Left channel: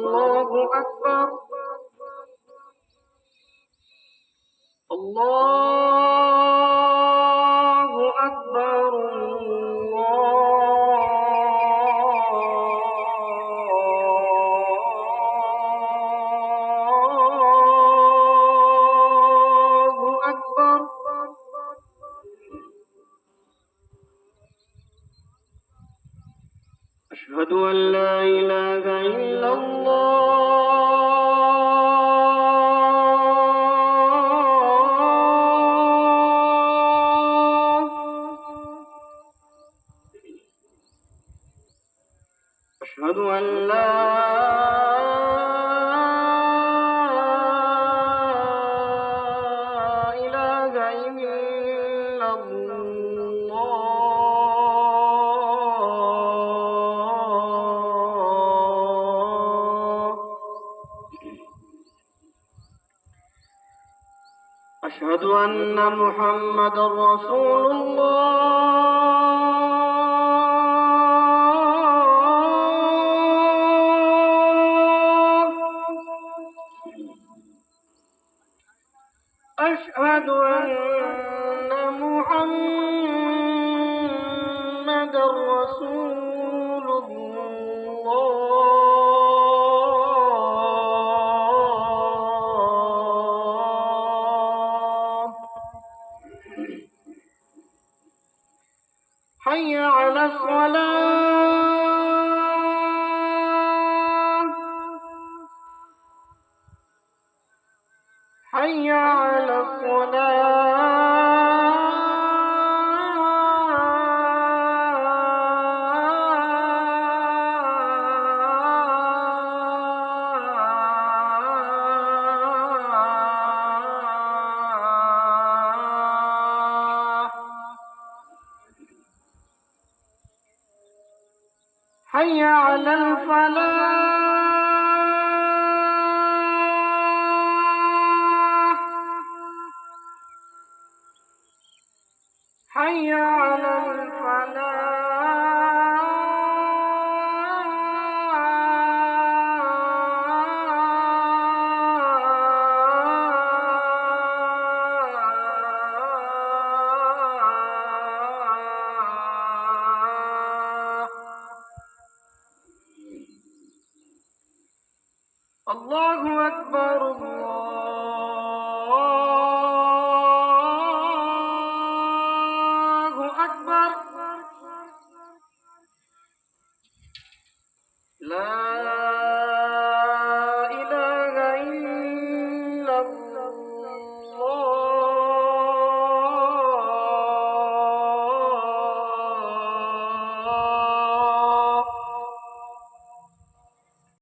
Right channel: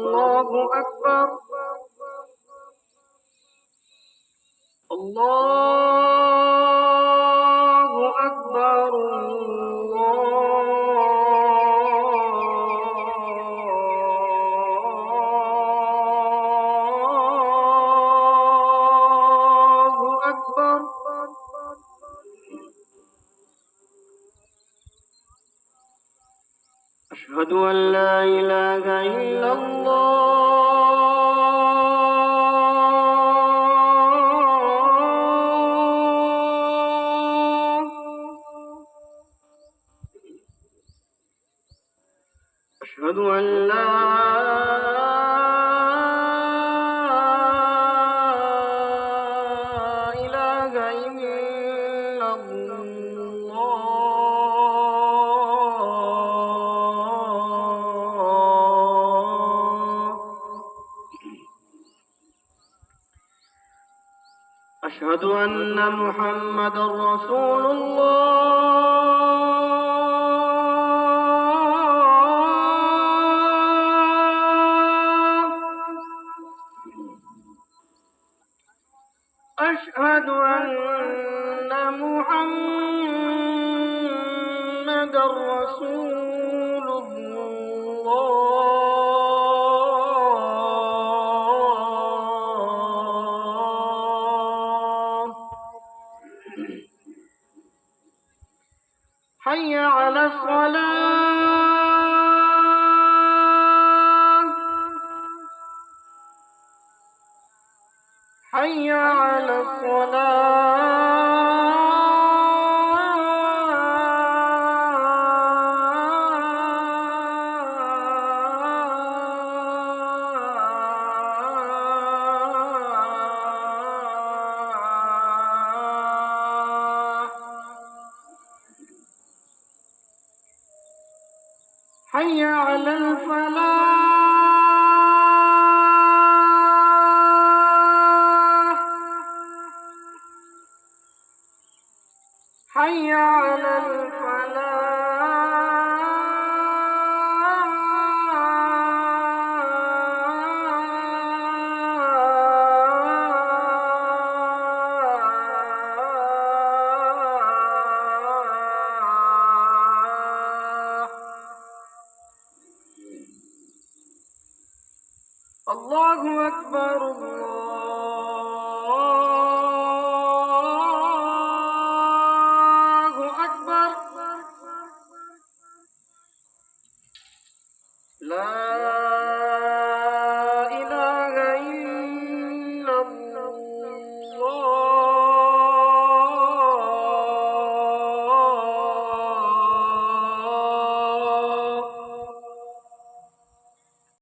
الله أكبر الله أكبر الله أكبر. أشهد أن لا إله إلا الله. أشهد أن لا إله إلا الله. أشهد أن محمدا رسول الله. أشهد أن محمدا رسول الله. حي على الصلاة. حي على الصلاة. حي على الفلاح. حي على الفلاح. الله أكبر الله